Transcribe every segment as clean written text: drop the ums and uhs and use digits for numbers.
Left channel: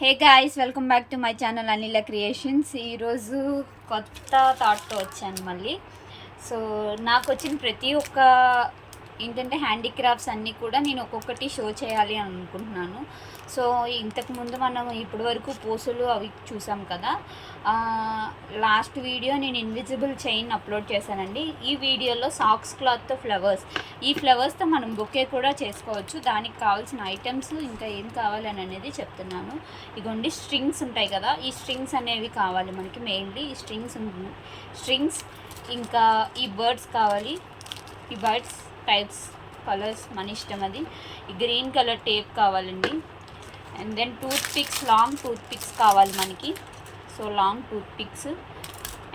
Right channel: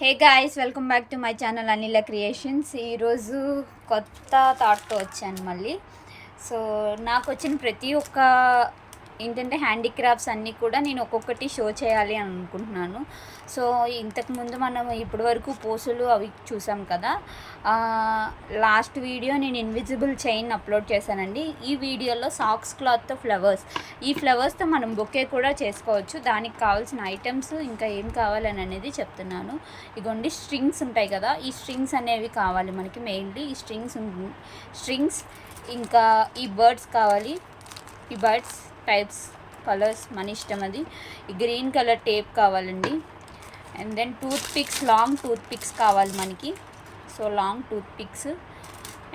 Hey guys, welcome back to my channel Anila creations. ఈరోజు కొత్త థాట్తో వచ్చాను మళ్ళీ. సో నాకు వచ్చిన ప్రతి ఒక్క ఏంటంటే హ్యాండీక్రాఫ్ట్స్ అన్నీ కూడా నేను ఒక్కొక్కటి షో చేయాలి అని అనుకుంటున్నాను. సో ఇంతకుముందు మనం ఇప్పటి వరకు పూసలు అవి చూసాం కదా. లాస్ట్ వీడియో నేను ఇన్విజిబుల్ చైన్ అప్లోడ్ చేశానండి. ఈ వీడియోలో సాక్స్ క్లాత్తో ఫ్లవర్స్, ఈ ఫ్లవర్స్తో మనం బొకే కూడా చేసుకోవచ్చు. దానికి కావాల్సిన ఐటమ్స్ ఇంకా ఏం కావాలని అనేది చెప్తున్నాను. ఇదిగోండి, స్ట్రింగ్స్ ఉంటాయి కదా, ఈ స్ట్రింగ్స్ అనేవి కావాలి మనకి. మెయిన్లీ ఈ స్ట్రింగ్స్ ఇంకా ఈ బర్డ్స్ కావాలి. ఈ బర్డ్స్ టైప్స్ కలర్స్ మన ఇష్టం, అది. ఈ గ్రీన్ కలర్ టేప్ కావాలండి. And then toothpicks, long toothpicks కావాలి మనకి. So long toothpicks.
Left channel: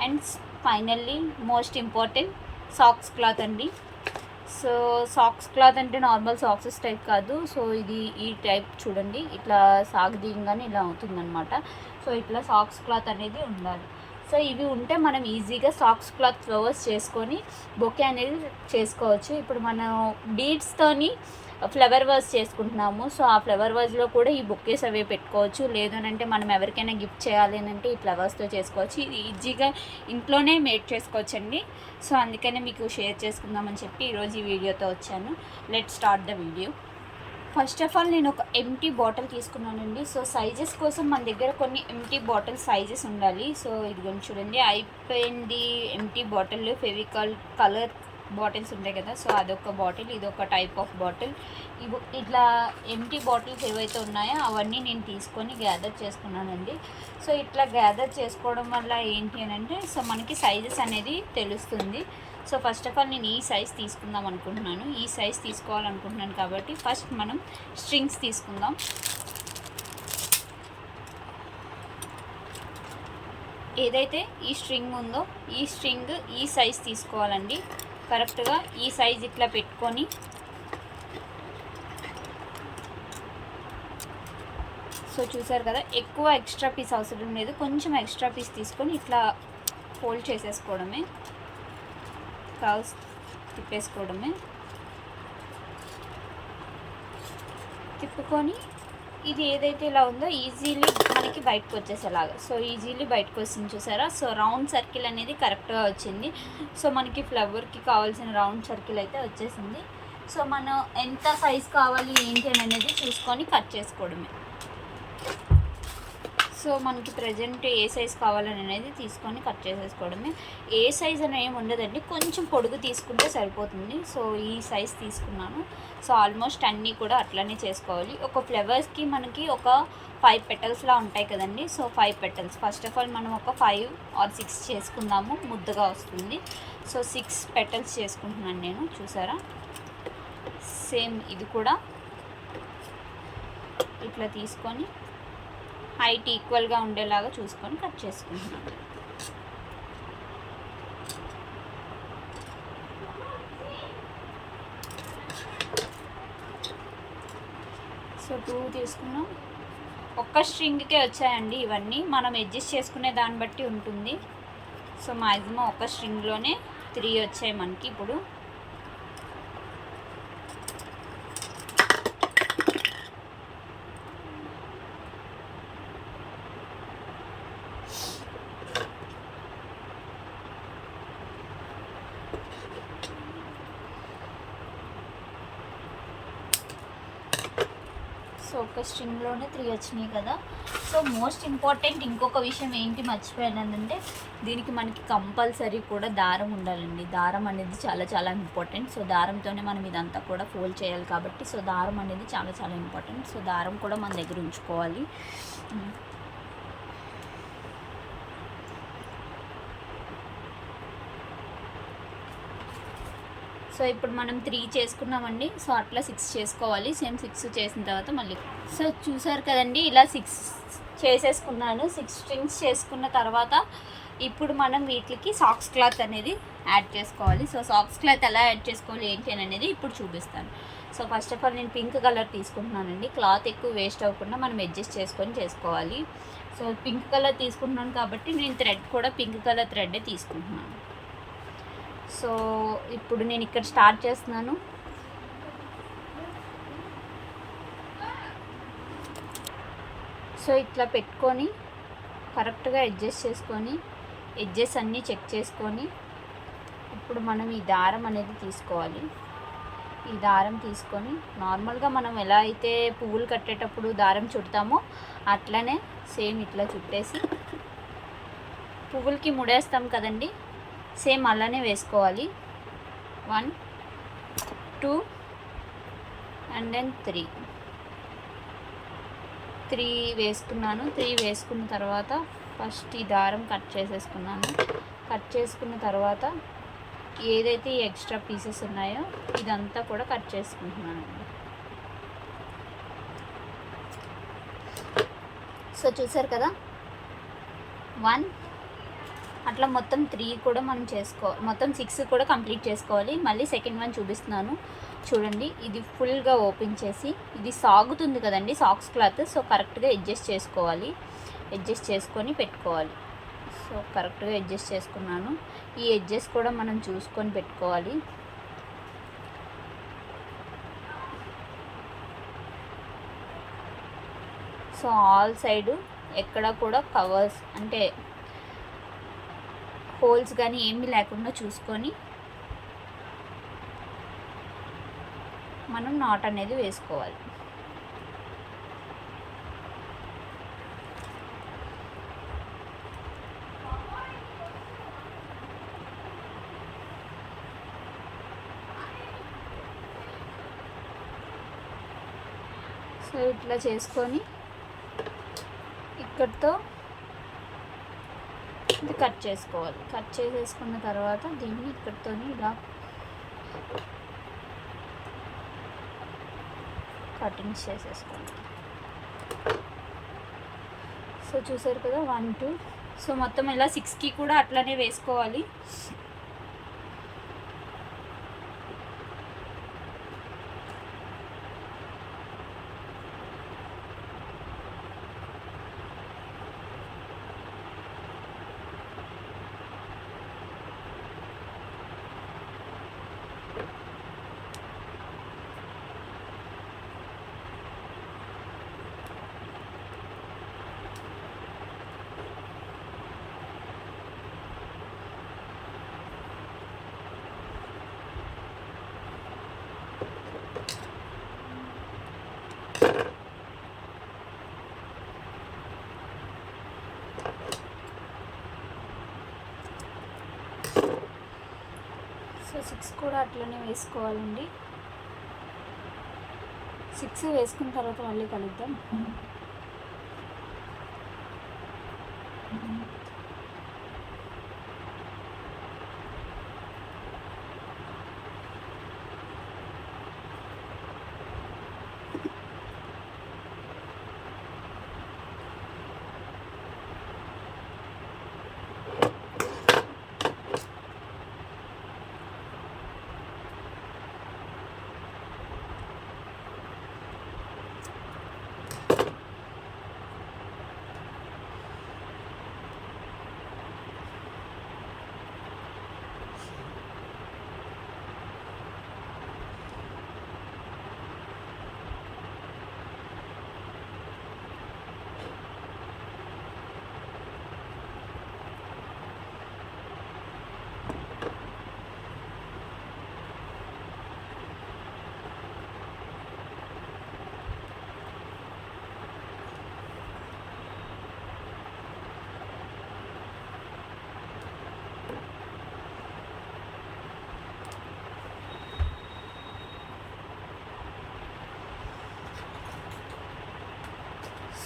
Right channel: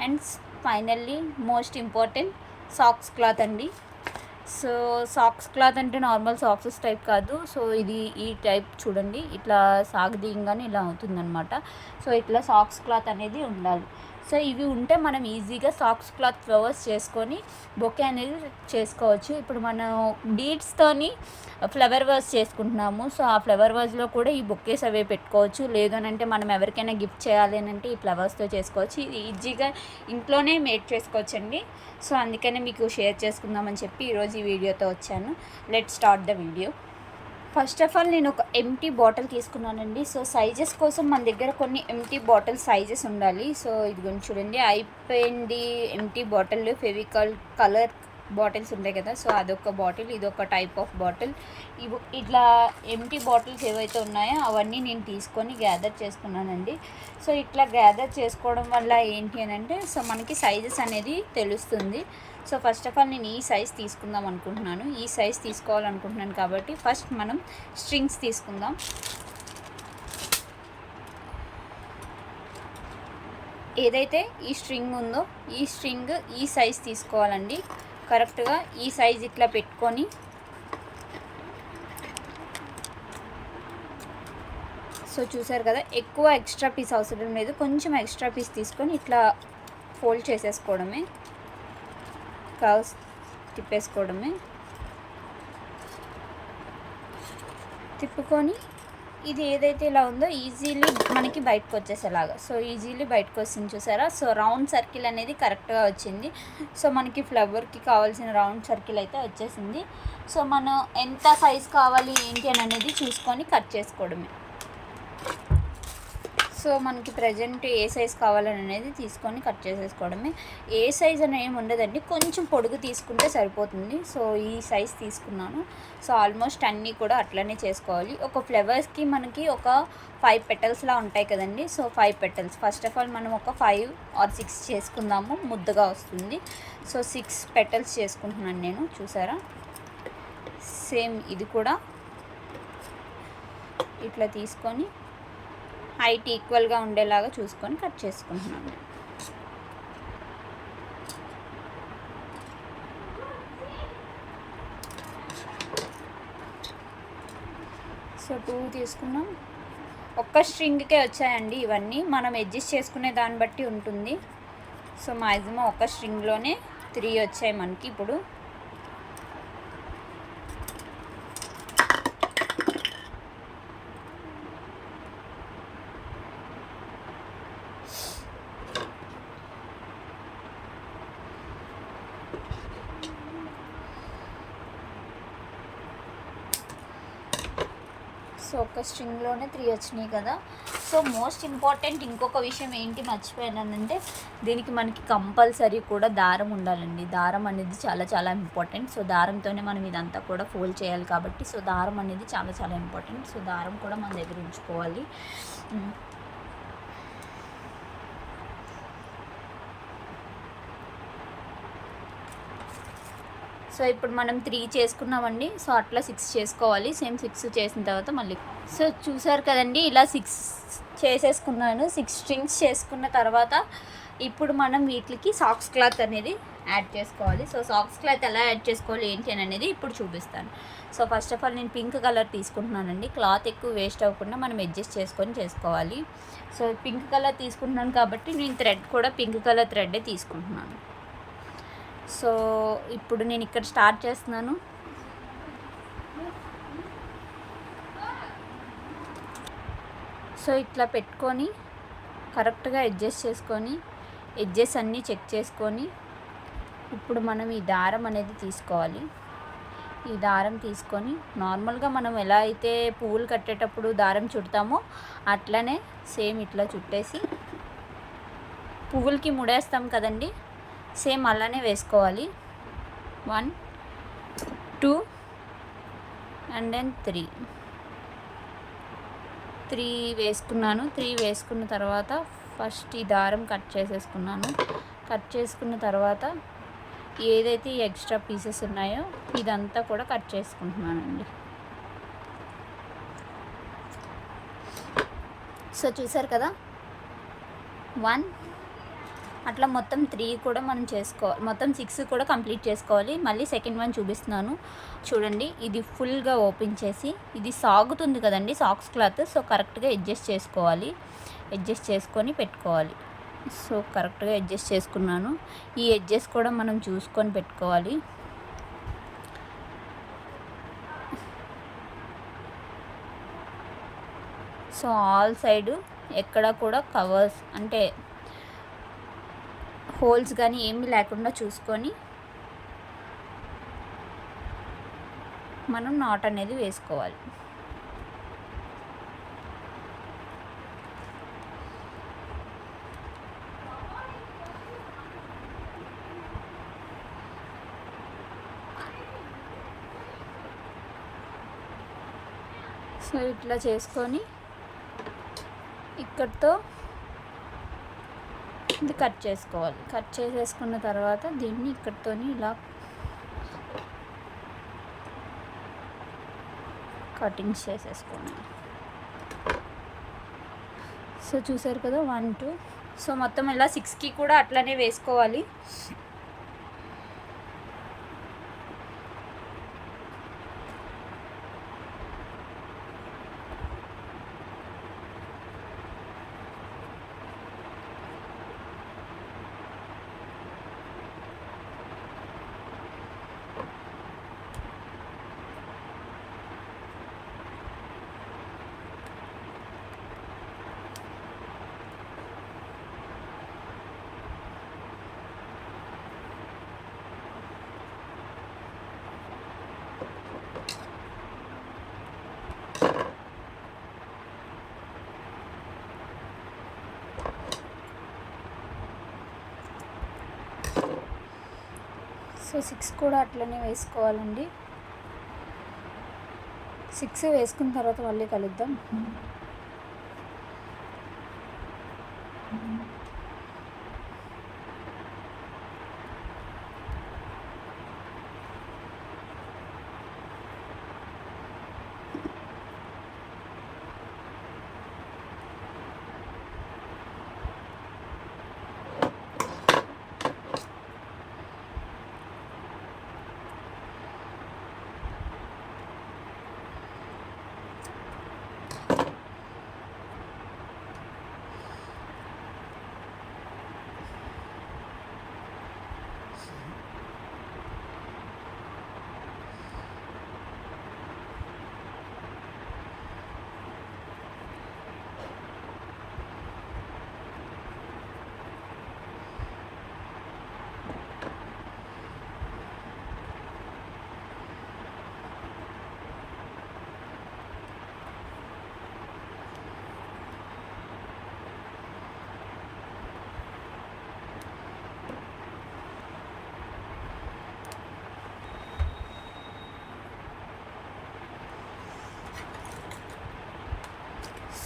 And finally most important socks cloth అండి. సో సాక్స్ క్లాత్ అంటే నార్మల్ సాక్సెస్ టైప్ కాదు. సో ఇది ఈ టైప్ చూడండి, ఇట్లా సాగదీయంగానే ఇలా అవుతుందన్నమాట. సో ఇట్లా సాక్స్ క్లాత్ అనేది ఉండాలి. సో ఇవి ఉంటే మనం ఈజీగా సాక్స్ క్లాత్ ఫ్లవర్స్ చేసుకొని బొకే అనేది చేసుకోవచ్చు. ఇప్పుడు మనం బీడ్స్తోని ఫ్లవర్ వాజ్ చేసుకుంటున్నాము. సో ఆ ఫ్లవర్ వాజ్లో కూడా ఈ బొకేస్ అవే పెట్టుకోవచ్చు. లేదనంటే మనం ఎవరికైనా గిఫ్ట్ చేయాలి అని అంటే ఈ ఫ్లవర్స్తో చేసుకోవచ్చు. ఇది ఈజీగా ఇంట్లోనే మేడ్ చేసుకోవచ్చండి. సో అందుకనే మీకు షేర్ చేసుకుందామని చెప్పి ఈరోజు ఈ వీడియోతో వచ్చాను. Let start the video. First of all నేను ఒక ఎంటీ బాటిల్ తీసుకున్నానండి. సో సైజెస్ కోసం మన దగ్గర కొన్ని ఎంటీ బాటిల్ సైజెస్ ఉండాలి. సో ఇది చూడండి, అయిపోయింది empty bottle. Fevicol colour bottles ఉంటాయి కదా, సో అదొక బాటిల్, ఇదొక టైప్ ఆఫ్ బాటిల్. ఇట్లా ఎంటీ బాటిల్స్ ఏవైతే ఉన్నాయో అవన్నీ నేను తీసుకొని గ్యాదర్ చేసుకున్నానండి. సో ఇట్లా గ్యాదర్ చేసుకోవడం వల్ల ఏంటి అని అంటే, సో మనకి సైజెస్ అనేది తెలుస్తుంది. సో ఫస్ట్ ఆఫ్ ఆల్ నేను ఈ సైజ్ తీసుకుందాం అనుకుంటున్నాను. ఈ సైజ్ తీసుకోవాలనుకుంటున్నాను కాబట్టి ఫస్ట్ మనం స్ట్రింగ్స్ తీసుకుందాం. ఏదైతే ఈ స్ట్రింగ్ ఉందో ఈ స్ట్రింగ్ ఈ సైజ్ తీసుకోవాలండి. కరెక్ట్గా ఈ సైజ్ ఇట్లా పెట్టుకొని సో చూసారు కదా, ఎక్కువ ఎక్స్ట్రా పీస్ అవసరం లేదు. కొంచెం ఎక్స్ట్రా పీస్ తీసుకొని ఇట్లా ఫోల్డ్ చేసేసుకోవడమే, కర్వ్స్ తిప్పేసుకోవడమే. తిప్పుకొని ఇది ఏదైతే ఇలా ఉందో ఈజీలీ మనకి బయటకు వచ్చేసేలాగా. సో ఈజీలీ బయటకు వస్తుంది, చూసారా. సో రౌండ్ సర్కిల్ అనేది కరెక్ట్గా వచ్చింది. సో మనకి ఫ్లవర్కి కావాల్సిన రౌండ్ సర్కిల్ అయితే వచ్చేసింది. సో మనం ఎంత సైజ్ కావాలి ఏంటి అనేది చూసుకొని కట్ చేసుకోవడమే. సో మనకి ప్రజెంట్ ఏ సైజ్ కావాలని అనేది తీసుకొని కట్ చేసేసుకోవడమే. ఏ సైజ్ అని ఏమి ఉండదండి, కొంచెం పొడుగు తీసుకుంటే సరిపోతుంది. సో ఈ సైజ్ తీసుకున్నాను. సో ఆల్మోస్ట్ అన్నీ కూడా అట్లనే చేసుకోవాలి. ఒక ఫ్లవర్స్కి మనకి ఒక 5 పెటల్స్లా ఉంటాయి కదండి. So 5 petals first of all మనం ఒక 5 or 6 చేసుకుందాము, ముద్దగా వస్తుంది. సో 6 పెటల్స్ చేసుకుంటున్నాను నేను, చూసారా. సేమ్ ఇది కూడా ఇట్లా తీసుకొని హైట్ ఈక్వల్గా ఉండేలాగా చూసుకొని కట్ చేసుకుంటున్నాను. సో 2 తీసుకున్నాం. ఒక్క స్ట్రింగ్కే వచ్చాయండి ఇవన్నీ. మనం అడ్జస్ట్ చేసుకునే దాన్ని బట్టి ఉంటుంది. సో మ్యాక్సిమం ఒక స్ట్రింగ్లోనే 3 వచ్చాయి మనకి ఇప్పుడు. సో ఒక స్ట్రింగ్లోనే 3 వచ్చినాయి కదా. సో మోస్ట్ ఇంపార్టెంట్ ఇంకొక విషయం ఏంటి మర్చిపోయానంటే, దీనికి మనకి కంపల్సరీ కూడా దారం ఉండాలండి. దారం అనేది చాలా చాలా ఇంపార్టెంట్. సో దారంతోనే మనం ఇదంతా కూడా ఫోల్డ్ చేయాలి కాబట్టి సో దారం అనేది చాలా చాలా ఇంపార్టెంట్. సో దారం కూడా మన దగ్గర ఉంచుకోవాలి. సో ఇప్పుడు మనం 3 చేసుకున్నామండి. సో అట్లా 6 చేసుకోవాలి. సేమ్ 6 చేసిన తర్వాత మళ్ళీ సో చూసారు కదండి, ఇలా 6 చేసేసుకున్నాను. 6 స్ట్రింగ్స్ చేసుకున్న తర్వాత ఇప్పుడు మనం వీటికి సాక్స్ క్లాత్ అనేది యాడ్ చేసుకోవాలి. సో సాక్స్ క్లాత్ ఎలా యాడ్ చేసుకోవాలి ఏంటి అనేది ఇప్పుడు చూపిస్తాను. సో ఫస్ట్ ఆఫ్ ఆల్ నేను పింక్ కలర్ తీసుకుంటున్నానండి. క్లాత్ ఎక్కువ వేస్ట్ అవ్వకుండా మనం అడ్జస్ట్ చేసుకొని చేసుకోవాలి. సో పింక్ కలర్ తీసుకుంటున్నాను కాబట్టి నేను థ్రెడ్ కూడా పింక్ కలర్ థ్రెడ్డే తీసుకుంటున్నాను. సో ఇప్పుడు నేను ఇక్కడ స్టార్ట్ చేస్తున్నాను. సో ఇట్లా పెట్టుకొని కరెక్ట్గా అడ్జస్ట్ చేసుకొని ఎడ్జెస్ అన్నీ చెక్ చేసుకొని ఇప్పుడు మనం ఈ దారం అనేది తీసుకోవాలి. ఈ దారం తీసుకొని నార్మల్గా మనం ఎలా అయితే పువ్వులు కట్టేటప్పుడు దారం చుడతామో అట్లనే సేమ్ ఇట్లా చుట్టేసి పువ్వులకి ముడేస్తాం కదండి, సేమ్ అలానే వేసుకోవాలి. 1 2 అండ్ దెన్ 3 వేసుకున్నాను. 3 వేసుకున్న తర్వాత ఫస్ట్ ఈ దారం కట్ చేసేసుకున్నాను. కట్ చేసుకున్న తర్వాత ఏదైతే ఈ ఎక్స్ట్రా పీసెస్ ఉన్నాయో ఇదంతా కూడా కట్ చేసుకుంటున్నానండి. సో చూసారు కదా, 1 అట్లా మొత్తం 3 కూడా మనం చేసుకోవాలి. మొత్తం 6 కూడా కంప్లీట్ చేసుకోవాలి. మళ్ళీ సెకండ్ వన్ చూపిస్తున్నాను చూడండి. ఇది ఫుల్గా ఓపెన్ చేసి, ఇది సాగుతుంది కదండి సాక్స్ క్లాత్, సో కరెక్ట్గా అడ్జస్ట్ చేసుకోవాలి. అడ్జస్ట్ చేసుకొని పెట్టుకోవాలి. సో కరెక్ట్గా అడ్జస్ట్ చేసుకున్నాను. ఈ ఎడ్జెస్ కూడా మనం చూసుకొని పెట్టుకోవాలి. సో ఆల్ సైడు ఎక్కడ కూడా కవర్స్ అంటే హోల్స్ కానీ ఏమీ లేకుండా చూసుకొని మనం నాట్ అనేది వేసుకోవాలి. సో ఇట్లా చేసుకొని ఇక్కడితో ఇది కట్ చేసుకోవాలి. కట్ చేసేసుకున్న తర్వాత దీన్ని ఇక్కడితో ఇలా కటింగ్స్ చేసేసుకోండి. సో చూసారు కదా 1 2. సో మొత్తం ఇలా 6కి కూడా అట్లానే వేసుకోవాలి. సో 6 కూడా అట్లనే వేసుకోవాలండి. 6 వేసుకున్న తర్వాత మళ్ళీ కలుద్దాం.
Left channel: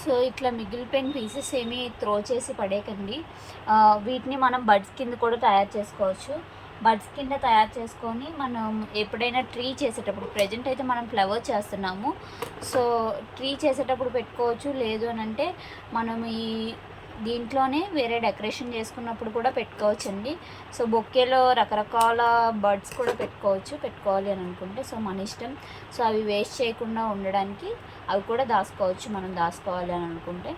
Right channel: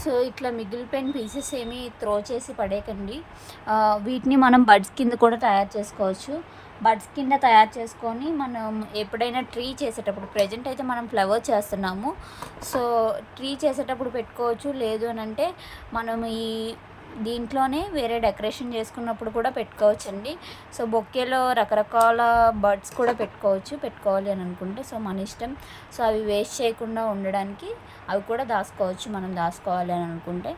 సో ఇట్లా మిగిలిపోయిన పీసెస్ ఏమీ త్రో చేసి పడేయకండి. వీటిని మనం బడ్స్ కింద కూడా తయారు చేసుకోవచ్చు. బడ్స్ కింద తయారు చేసుకొని మనం ఎప్పుడైనా ట్రీ చేసేటప్పుడు, ప్రజెంట్ అయితే మనం ఫ్లవర్ చేస్తున్నాము, సో ట్రీ చేసేటప్పుడు పెట్టుకోవచ్చు. లేదు అని అంటే మనం దీంట్లోనే వేరే డెకరేషన్ చేసుకున్నప్పుడు కూడా పెట్టుకోవచ్చండి. సో బొకేలో రకరకాల బర్డ్స్ కూడా పెట్టుకోవాలి అని అనుకుంటే. సో మన ఇష్టం. సో అవి వేస్ట్ చేయకుండా ఉండడానికి అవి కూడా దాచుకోవచ్చు మనం దాచుకోవాలి అని అనుకుంటే.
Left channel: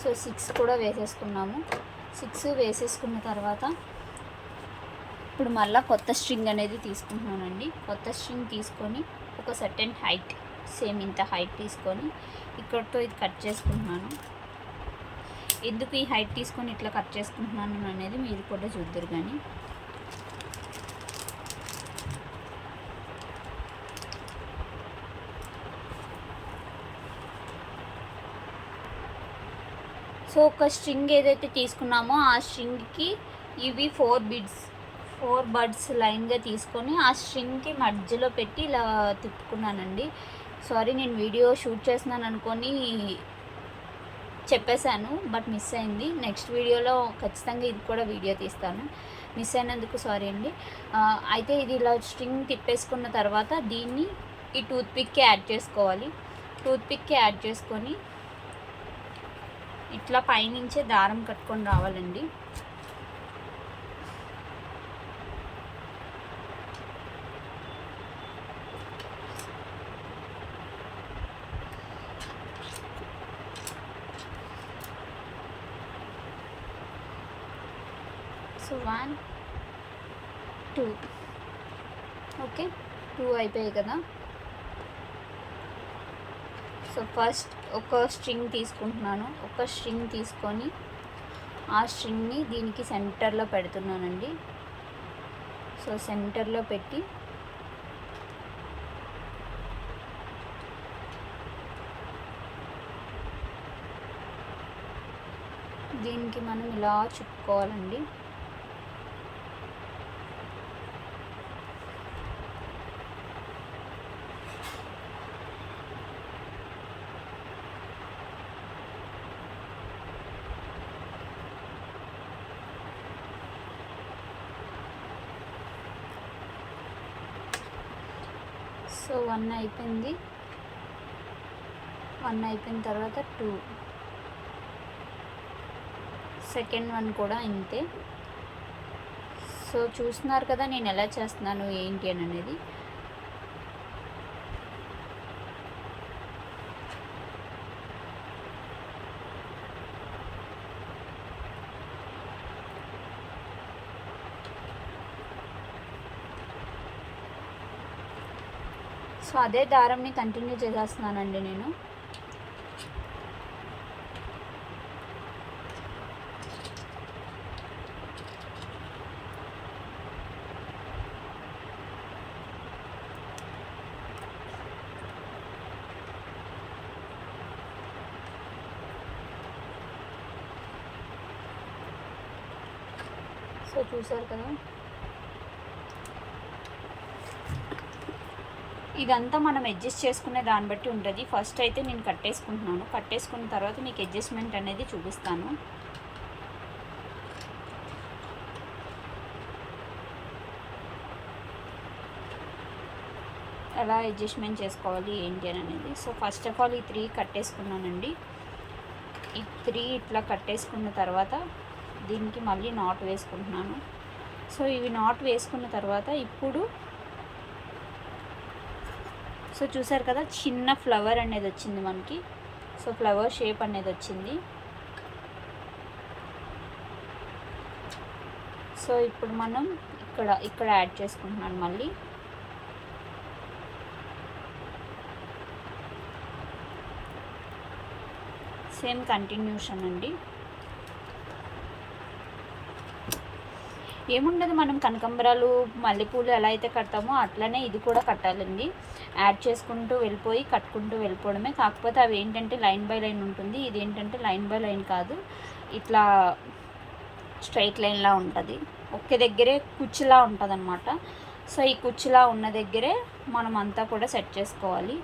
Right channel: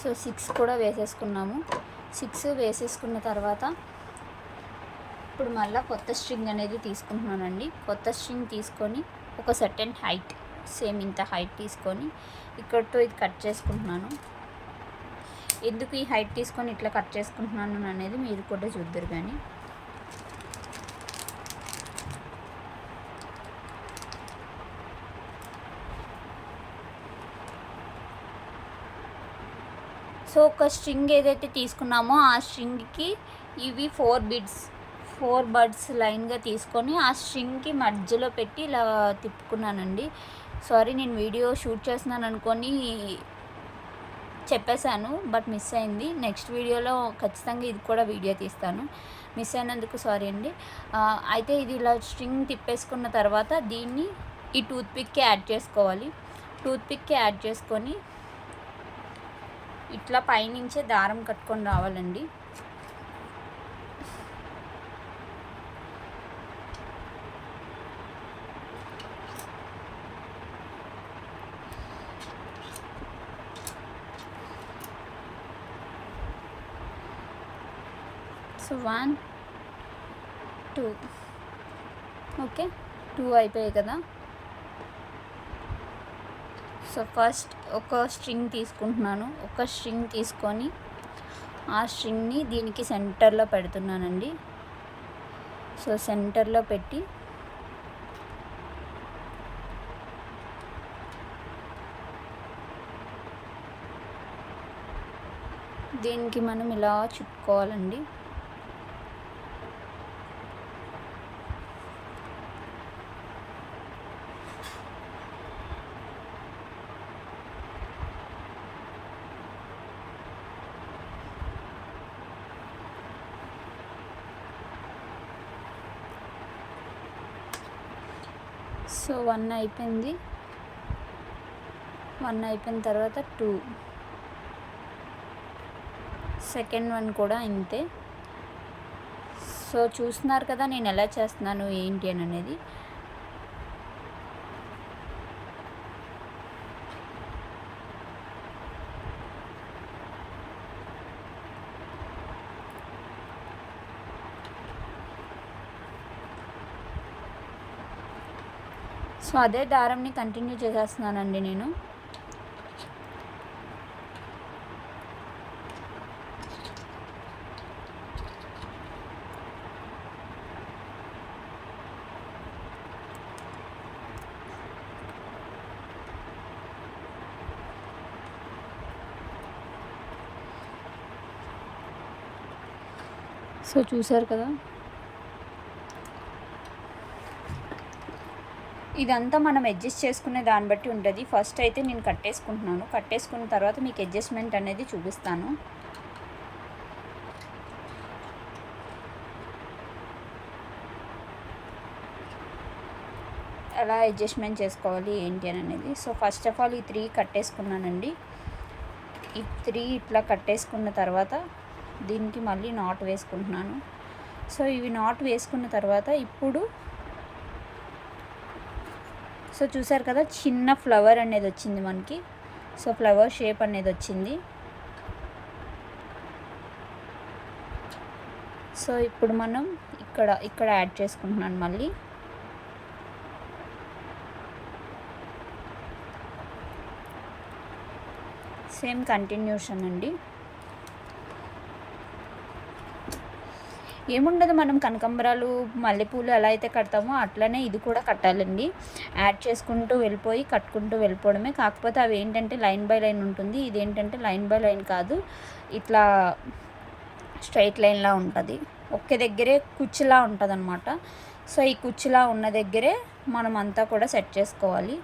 సో 6 కూడా వేసేసుకున్నాము. 6 వేసేసుకున్న తర్వాత ఇప్పుడు మళ్ళీ కొత్త స్ట్రింగ్ అనేది తీసుకుంటున్నానండి. కొత్త స్ట్రింగ్ తీసుకొని ఒక సర్టెన్ హైట్, సేమ్ ఇంత హైట్ తీసుకొని ఇక్కడితో ఇది కట్ చేసుకుంటున్నాను. ఎందుకు ఈ హైట్ తీసుకొని ఇట్లా కట్ చేసుకుంటున్నాను అనేది మీరు కూడా చూద్దరు. కానీ సో ఒక స్ట్రింగ్ ఏదైతే తీసుకున్నామో ఆ స్ట్రింగ్కి ఇవి 4 బడ్స్ లైన్గా తీసుకొని ఆ స్ట్రింగ్కి మధ్యలో పెట్టి ఇలా తిప్పుకున్నానండి. సారీ, నేను వీడియో షూట్ చేస్తున్నాను అనుకొని చెప్పేశాను, బట్ మిస్ అయింది. నెక్స్ట్ వీడియోలో ఖచ్చితంగా ఇది కూడా వీడియో తీస్తాను. మిస్ అయినందుకు సారీ అండి. అయితే ఇది ఇలా స్ట్రింగ్ తిప్పేసుకున్న తర్వాత దీన్ని ఈ టూత్పిక్కి యాడ్ చేసుకోవాలి. టూత్పిక్కి యాడ్ చేసుకొని ఇట్లా పైనుంచే దారం కట్టుకొని రావాలండి. సో 1 2 ఓకే, 2 అయిపోయాయి కదా. సో ఫస్ట్ ఒక స్ట్రింగ్ తీసుకుంటున్నాను. ఒక స్ట్రింగ్ తీసుకొని ఆ స్ట్రింగ్ని దీనికి సెంటర్లో పెడుతున్నానండి. సో సెంటర్లో పెట్టి దీనికి మనం ఇలా చుట్టుకోవాలండి. సో 1 అయిపోయింది. 1 అయిపోయిన తర్వాత 2, సెకండ్ 1 కూడా ఇంతే. సో చూస్తున్నారు కదా నేను ఎలా చేస్తున్నాను ఏంటి అని అనేది. సో అదే దారంని కంటిన్యూ చేసేస్తున్నానండి నేను. సో చూసారు కదా, ఇదంతా మనం అడ్జస్ట్ చేసుకునే దాన్ని బట్టి ఉంటుంది. ఫస్ట్ అయితే నేను కట్టేసుకుంటున్నాను. కట్టేసుకున్న తర్వాత మీకు అడ్జస్ట్మెంట్ అనేది చూపిస్తాను. ఎలా అడ్జస్ట్మెంట్ చేసుకోవాలి ఏంటి అనేది. సో ఫస్ట్ ఆఫ్ ఆల్ ఈ 3 కట్టేసుకున్నానండి. ఈ 3 ఇట్లా కట్టేసుకున్న తర్వాత దీనికి మళ్ళీ నాట్ వేసుకుంటున్నాను. సో ఇవి నాట్ వేసుకున్న తర్వాత ఇప్పుడు సో చూసారు కదా చిన్న ఫ్లవర్ అనేది వచ్చింది మనకి. సో ఫ్లవర్ షేప్ అనేది వచ్చింది. సో ఇప్పుడు మనం ఇక్కడ యాడ్ చేసుకుంటున్నాను మళ్ళీ. సేమ్ కంటిన్యూషన్ అండి. ఏముండదు, మనం కనకాంబరాలు మల్లెపూలు ఎలా అయితే కడతామో అట్లనే ఇది కూడా కట్టాలండి. యాడ్ చేసుకుంటూ వెళ్ళిపోయి కట్టుకుంటూ వెళ్ళిపోవడమే. కాకపోతే అవి ఏంటంటే లైన్ బై లైన్ ఉంటుంది. ఇదేంటంటే లైన్ బై లైన్ కాదు, ఇట్లా స్ట్రైట్ లైన్లా ఉంటుంది. ఒకే దగ్గరే కుచ్చులా ఉంటుంది అనమాట. సో ఈ కుచ్చులా ఉన్న దగ్గరే మనం అంతా కూడా సెట్ చేసుకోవాలి.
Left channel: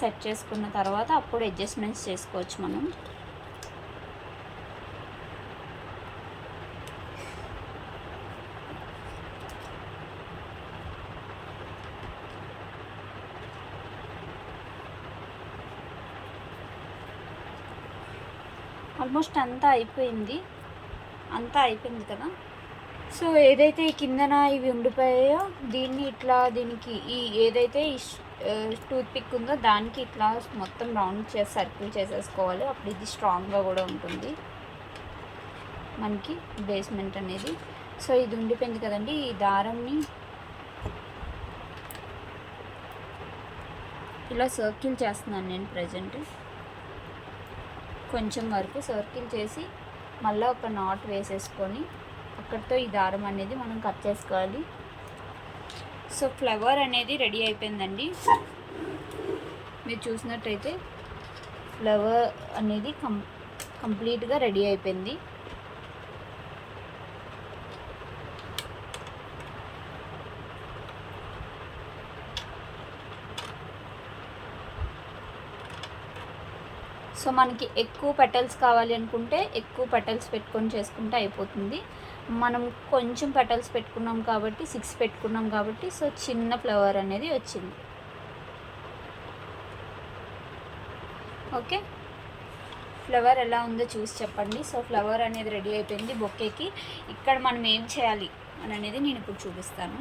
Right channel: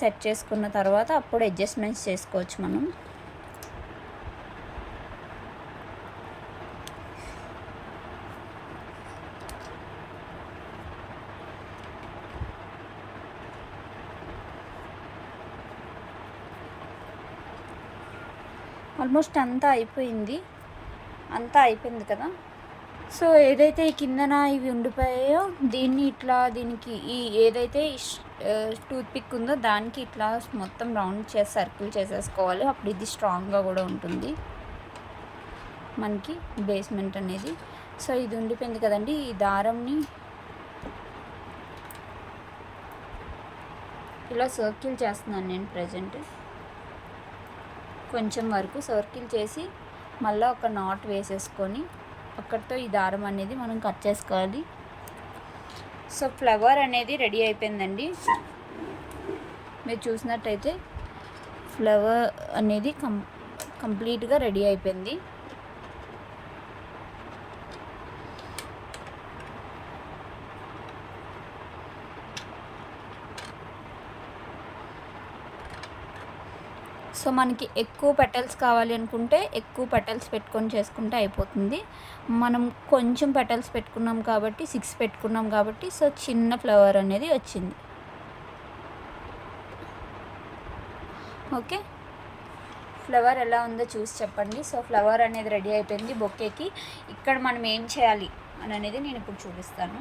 సెట్ చేసుకున్న తర్వాత అప్పుడు అడ్జస్ట్మెంట్స్ చేసుకోవచ్చు మనం. ఆల్మోస్ట్ అంతా అయిపోయింది కదా. సో ఏదైతే ఈ కిందన ఇవి ఉండిపోయాయో దీన్ని ఇట్లా దీనికి ఈ ఏదైతే టూత్ పిక్ ఉందో దానికి ఇట్లా మొత్తం రౌండ్ చేసి సర్కిల్ చేసేసుకోవాలి. అప్పుడు ఇది స్ట్రాంగ్గా కూడా ఉంటుంది మనకి బేస్మెంట్ అనేది. సో ఇది ఉండిపోయింది కదండి, ఈ దారంని ఇలా సర్కిల్ చేస్తున్నాను నేను ప్రజెంట్. కొంచెం వరకు సర్కిల్ చేసి మళ్ళీ ఒక నాట్ వేసేసుకొని అక్కడితో ఈ దారం అనేది మనం కట్ చేసుకోవాలి. సో ఫ్లవర్ అనేది రెడీ అయిపోయిందండి. మీరు చూసినట్టయితే ఫ్లవర్ అనేది కంప్లీట్గా రెడీ అయిపోయింది. సో మనకి ఎక్కువ పెటల్స్ కావాలి అనుకుంటే ఎక్కువ పెటల్స్ పెట్టుకొని చేసుకుంటే అయిపోతుంది. మనం కొంచెం పెటల్స్ పెట్టుకున్నాం కాబట్టి 6 పెట్టుకున్నాం కాబట్టి సో చిన్న ఫ్లవర్ అనేది వచ్చింది. ఓకే, ఫ్లవర్ ఎలా ఉందో చూసి చెప్పండి. సో ఫ్లవర్ అనేది రెడీ అయిపోయింది బొకేకి. ఇక్కడ మనం ఏం చేయాలి అని అనేది నేను ఇప్పుడు చూపిస్తాను.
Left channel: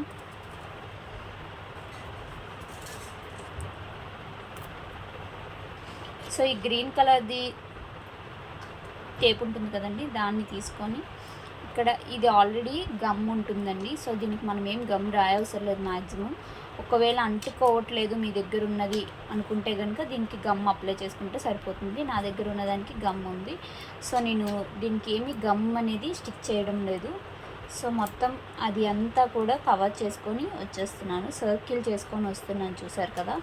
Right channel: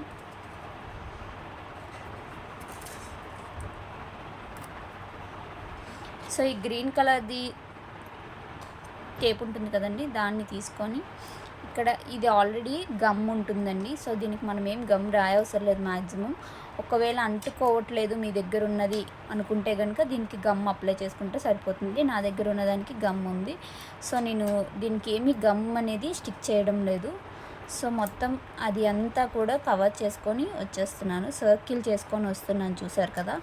సో ఈ గ్రీన్ కలర్ది టేప్ ఉంటుంది కదండి, దాన్ని తీసుకొని ఇక్కడ ఇది ఆల్రెడీ గమ్ ఉంటుందండి. సో దీనికి మనం ఏం గమ్ రాయవసరం లేదు మ్యాక్సిమం. ఒకవేళ అంటుకోవట్లేదు మీ దగ్గర ఉన్నది అనుకుంటే కనుక దీనికి గమ్ అప్లై చేసుకుంటే సరిపోతుంది. నా దగ్గర ఉన్నదానికి గమ్ ఉంది. సో నేను దీనికి ఏమి గమ్ అనేది స్టిక్ చేయడం లేదు. సో మొత్తం అది అంతా కూడా కవర్ చేసుకొని వచ్చేస్తున్నాను, సర్కిల్ చేసుకొని వస్తున్నాను. చూసారు కదా.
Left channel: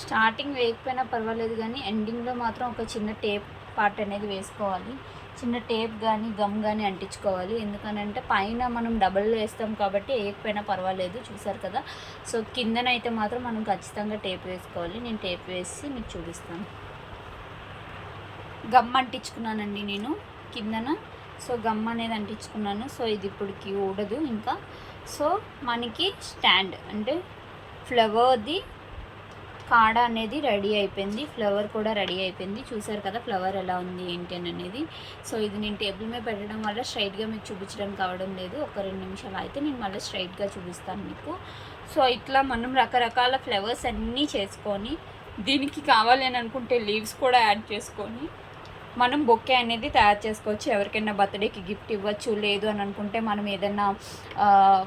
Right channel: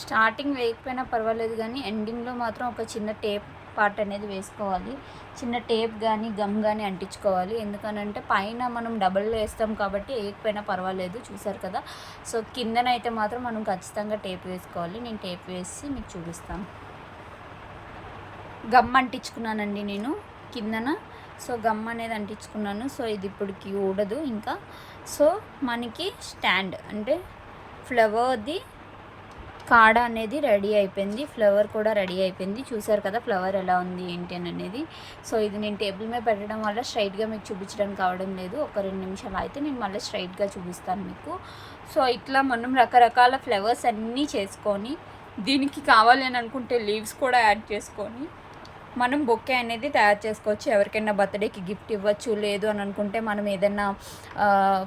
స్టార్టింగ్ వేయకపోయినా పర్వాలేదు, కానీ ఎండింగ్లో మాత్రం ఒక చిన్న టేప్ పార్ట్ అనేది వేసుకోవాలి. చిన్న టేప్ కానీ గమ్ కానీ అంటించుకోవాలి. ఎందుకనంటే పైన మనం డబల్ వేస్తాం కాబట్టి వేయకపోయినా పర్వాలేదు. చూసారు కదా. సో కిందనైతే మాత్రం మనం ఖచ్చితంగా టేప్ వేసుకోవాలి. నేను టేప్ వేసి మీకు చూపిస్తాను. గమ్ అంటించుకున్నానండి నేను కిందన. సో గమ్ అనేది అంటించుకున్నాను. సో ఇది ఇప్పటికి ఊడదు ఇంకా. సో మనకి స్టాండ్ అంటే ఫ్లవర్ది కాడ అనేది రెడీ అయిపోయింది. ఫ్లవర్ కూడా రెడీ అయిపోయింది. చూసారు కదా ఫ్లవర్ ఎలా ఉంది ఏంటి అనేది. సో ఇది నేను టేబుల్ మీద పెట్టడం వల్ల స్ట్రైట్గా మీకు చూపించడానికి కావడం లేదు. ఒక 2 నిమిషాలు అయితే నేను మళ్ళీ స్ట్రైట్గా చూపిస్తాను మీకు. సో ఇట్లా మనం రకరకాల ఫ్లవర్స్ అన్నీ చేసుకొని దీనికి కావాలి అని అనుకుంటే లీవ్స్ కూడా యాడ్ చేసుకొని మనం బొకే అనేది తయారు చేసుకోవచ్చు. ఎవరికైనా బర్త్డేకి గిఫ్ట్ ఇవ్వచ్చు. లేదు అని అనుకుంటే మనం ఏదైనా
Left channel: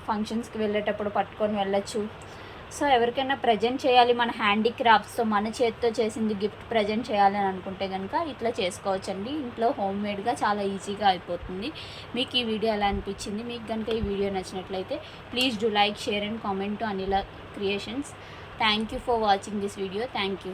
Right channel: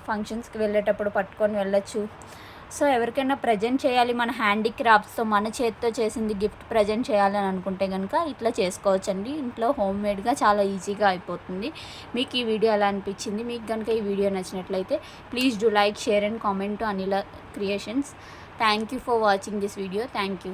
ఫంక్షన్స్కి వెళ్ళేటప్పుడు పట్టుకొని వెళ్ళచ్చు. సో ఎవరికైనా ప్రజెంట్ చేయాలి మన హ్యాండీక్రాఫ్ట్స్తో మన చేతితో చేసింది గిఫ్ట్ ప్రజెంట్ చేయాలని అనుకుంటే కనుక ఇట్లా చేసుకోవచ్చండి. ఇంట్లో హోమ్ మేడ్గా చాలా ఈజీగా అయిపోతుంది. మీకు ఈ వీడియో ఎలా అనిపించింది? మీకు కనుక ఈ వీడియో నచ్చినట్లయితే please do like, share and comment to Anila creations. Thank you for watching this video. Thank you.